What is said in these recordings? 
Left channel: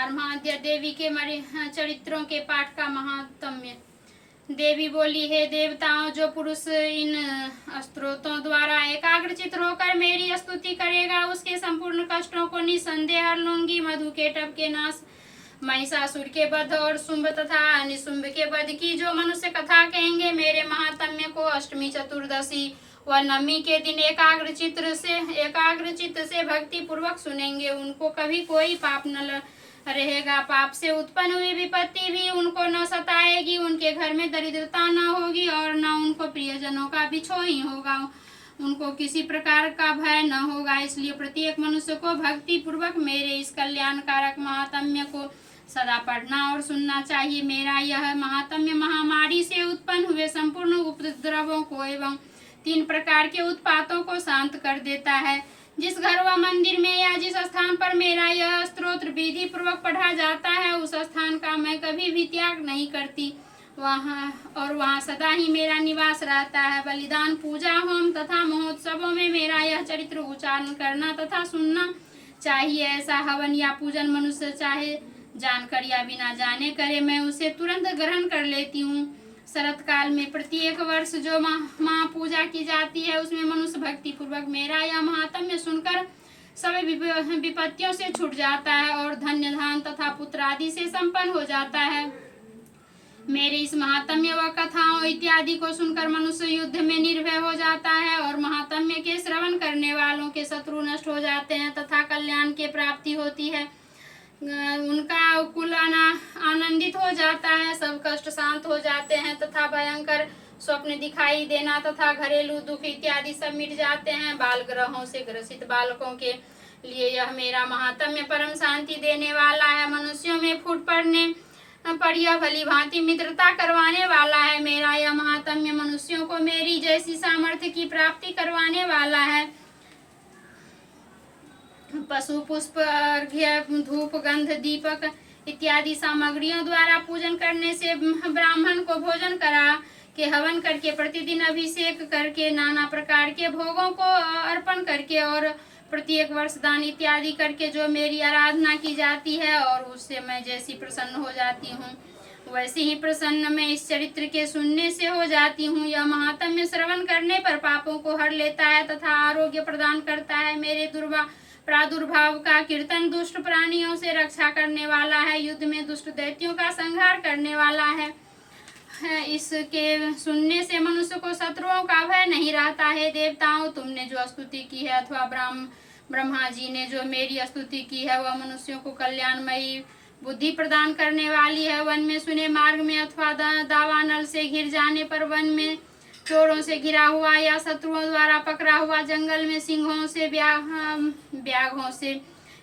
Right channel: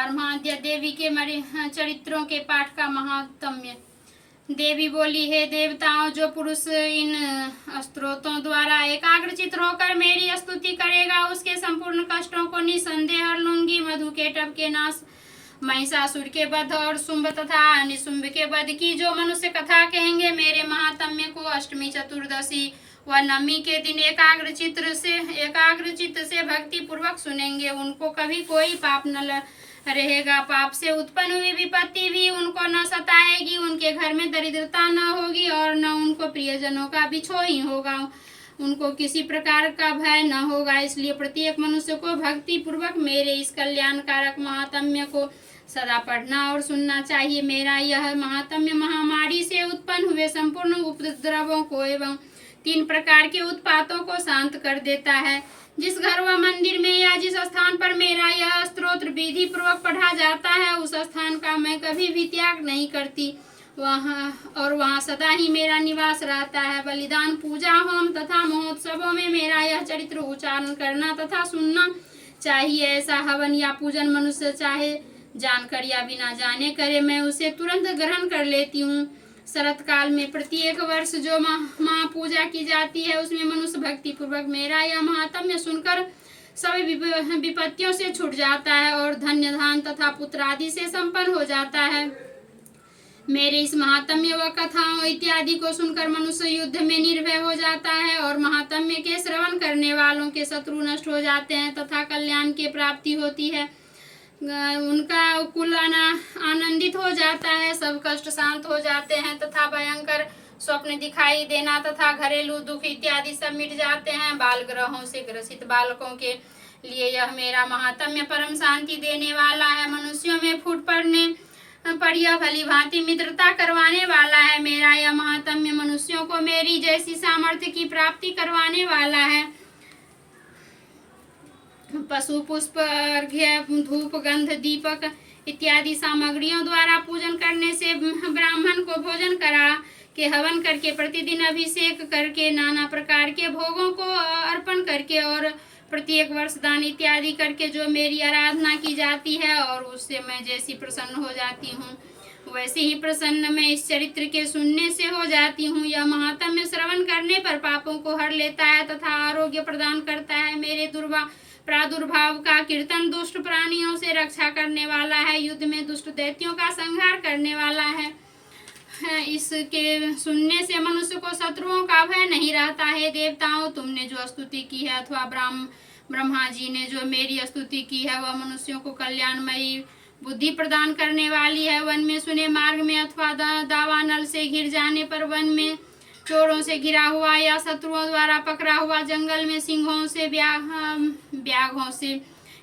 पारमाद्य देवी के चरित्रों के पाठ का महात्म्य। देवी बोली, हे देवताओं, जो पुरुष इन स्तोत्रों द्वारा एकाग्रचित होकर मेरी स्तुति करेगा उसके संपूर्ण कष्टों को निसंदेह हर लूंगी। मधु के टब के नाश, महिषासुर के वध और शुंभ तथा निशुंभ के वध की जो मनुष्य कथा कहेंगे, मेरे महात्म्य को अष्टमी, चतुर्दशी व नवमी के दिन एकाग्रचित्त से भक्ति पूर्वक सुनेंगे, उनको कभी कोई पाप न रहेगा। पाप से उत्पन्न हुई विपत्ति भी उनको न सताएगी, उनके घर में दरिद्रता न होगी और न उनको प्रियजनों का बिछोह ही होगा, उनको किसी प्रकार का भय न होगा। इसलिए प्रत्येक मनुष्य को भक्ति पूर्वक मेरे इस कल्याणकारक महात्म्य को सदा पढ़ना और सुनना चाहिए। मेरा यह महात्म्य महामारी से उत्पन्न हुए संपूर्ण उपद्रवों को एवं 3 प्रकार के उत्पातों को शांत कर देता है। जिस घर व मंदिर में या जिस स्थान पर मेरा यह स्तोत्र विधि पूर्वक पढ़ा जाता है, उस स्थान का मैं कभी भी त्याग नहीं करती, वहाँ सदा ही मेरा निवास रहता है। बलिदान, पूजा, होम तथा महोत्सवों में मेरा यह चरित्र उच्चारण करना तथा सुनना चाहिए। ऐसा हवन या पूजन मनुष्य चाहे जानकर या बिना जाने करे, मैं उसे तुरंत ग्रहण कर लेती हूँ। शरत काल में प्रत्येक वर्ष जो माँ पूजा की जाती है, उसमें मनुष्य भक्ति पूर्वक मेरा यह महात्म्य सुनकर सभी विपत्तियों से छूट जाता है और धन्य धान तथा पुत्र आदि से संपन्न हो जाता है। मेरे इस महात्म्य व कथाओं इत्यादि को सुनकर मनुष्य युद्ध में निर्भय हो जाता है और महात्म्य के श्रवण करने वालों के शत्रु नष्ट हो जाते हैं तथा कल्याण की प्राप्ति होती है। उनका कुल आनंदित हो जाता है, सब कष्ट शांत हो जाते हैं तथा भयंकर स्वप्न दिखाई देना तथा घरेलू दुख इत्यादि सब मिट जाते हैं। बाल ग्रहों से ग्रसित बालकों के लिए यह मेरा महात्म्य परम शांति देने वाला है। मनुष्यों में फूट पड़ने पर यह भली भांति मित्रता करवाने वाला है। मेरा यह महात्म्य मनुष्यों को मेरी जैसी सामर्थ्य की प्राप्ति करवाने वाला है। पशु, पुष्प, अर्घ्य, धूप, गंध, दीपक इत्यादि सामग्रियों द्वारा पूजन करने से ब्राह्मण को भोजन करा के हवन करके प्रतिदिन अभिषेक करके नाना प्रकार के भोगों को अर्पण करके और प्रत्येक वर्ष दान इत्यादि करके जो मेरी आराधना की जाती है और उससे मैं जैसी प्रसन्न हो जाती हूँ, वैसे ही प्रसन्न मैं इस चरित्र के सुनने से हो जाती हूँ। यह महात्म्य श्रवण करने पर पापों को हर लेता है तथा आरोग्य प्रदान करता है। मेरे प्रादुर्भाव का कीर्तन दुष्ट प्राणियों से रक्षा करने वाला है, युद्ध में दुष्ट दैत्यों का संहार करने वाला है। इसके सुनने से मनुष्य को शत्रुओं का भय नहीं रहता है। देवताओं, तुमने जो स्तुति की है अथवा ब्रह्मा जी ने जो मेरी स्तुति की है, वह मनुष्यों को कल्याणमयी बुद्धि प्रदान करने वाली है। वन में सुने मार्ग में अथवा दावानल से घिर जाने पर, वन में चोरों से घिरा हुआ या शत्रुओं द्वारा पकड़ा हुआ, जंगल में सिंहों से व्याघों से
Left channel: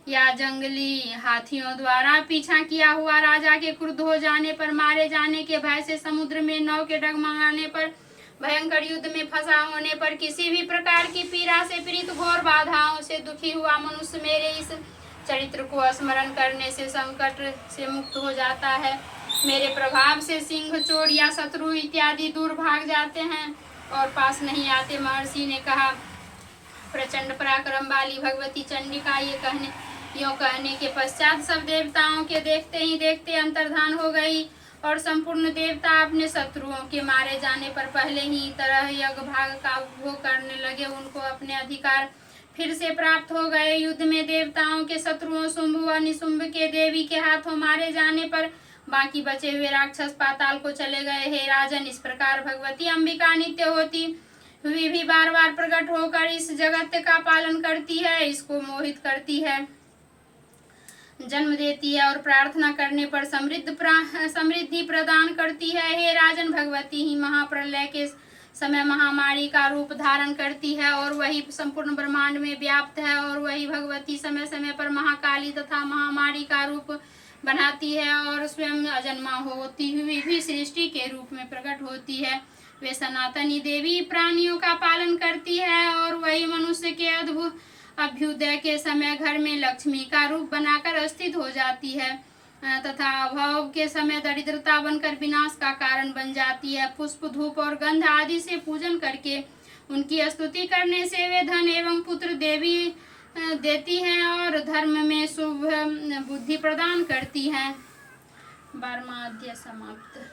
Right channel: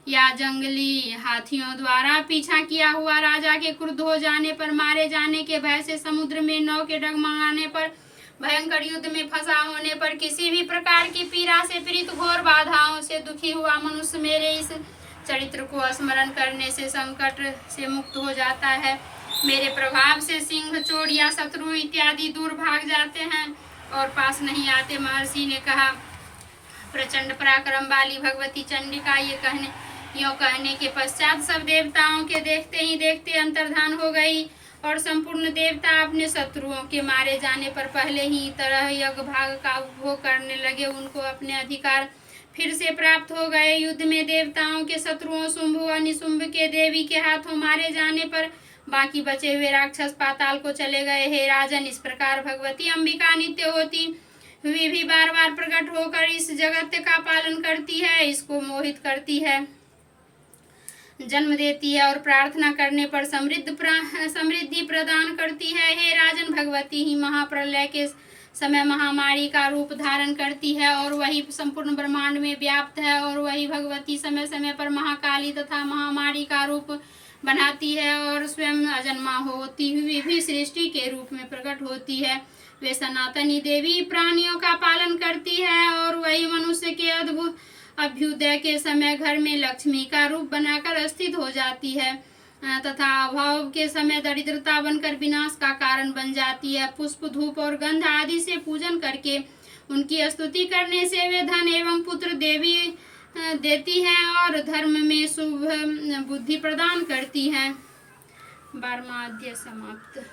या जंगली हाथियों द्वारा पीछा किया हुआ, राजा के क्रुद्ध हो जाने पर, मारे जाने के भय से, समुद्र में नाव के डगमगाने पर, भयंकर युद्ध में फंसा होने पर, किसी भी प्रकार की पीड़ा से पीड़ित, घोर बाधाओं से दुखी हुआ मनुष्य मेरे इस चरित्र को स्मरण करने से संकट से मुक्त हो जाता है। मेरे प्रभाव से सिंह, चोर या शत्रु इत्यादि दूर भाग जाते हैं और पास नहीं आते। महर्षि ने कहा, प्रचंड पराक्रम वाली भगवती चंडिका यूं कहने के पश्चात सब देवताओं के देखते ही देखते अंतर्धान हो गई और संपूर्ण देवता अपने शत्रुओं के मारे जाने पर पहले ही तरह यज्ञ भाग का उपभोग करने लगे। उनको अपने अधिकार फिर से प्राप्त हो गए। युद्ध में देवताओं के शत्रुओं शुंभ व निशुंभ के देवी के हाथों मारे जाने पर बाकी बचे हुए राक्षस पाताल को चले गए। हे राजन, इस प्रकार भगवती अंबिका नित्य होती हुई भी बार बार प्रकट होकर इस जगत का पालन करती है, इसको मोहित करती है, जन्म देती है और प्रार्थना करने पर समृद्धि प्रदान करती है। हे राजन, भगवती ही महाप्रलय के समय महामारी का रूप धारण करती है और वही संपूर्ण ब्रह्मांड में व्याप्त है और वही भगवती समय समय पर महाकाली तथा महामारी का रूप बनाती है और स्वयं अजन्मा होती हुई भी सृष्टि के रूप में प्रकट होती है। वे सनातनी देवी प्राणियों का पालन करती है और वही मनुष्य के अद्भुत अभ्युदय के समय घर में लक्ष्मी का रूप बनाकर स्थित हो जाती है तथा अभाव के समय दरिद्रता बनकर विनाश का कारण बन जाती है। पुष्प, धूप और गंध आदि से पूजन करके उनकी स्तुति करने से वे धन एवं पुत्र, देवी देती है और धर्म में शुभ बुद्धि प्रदान करती है। 12वां अध्याय समाप्त।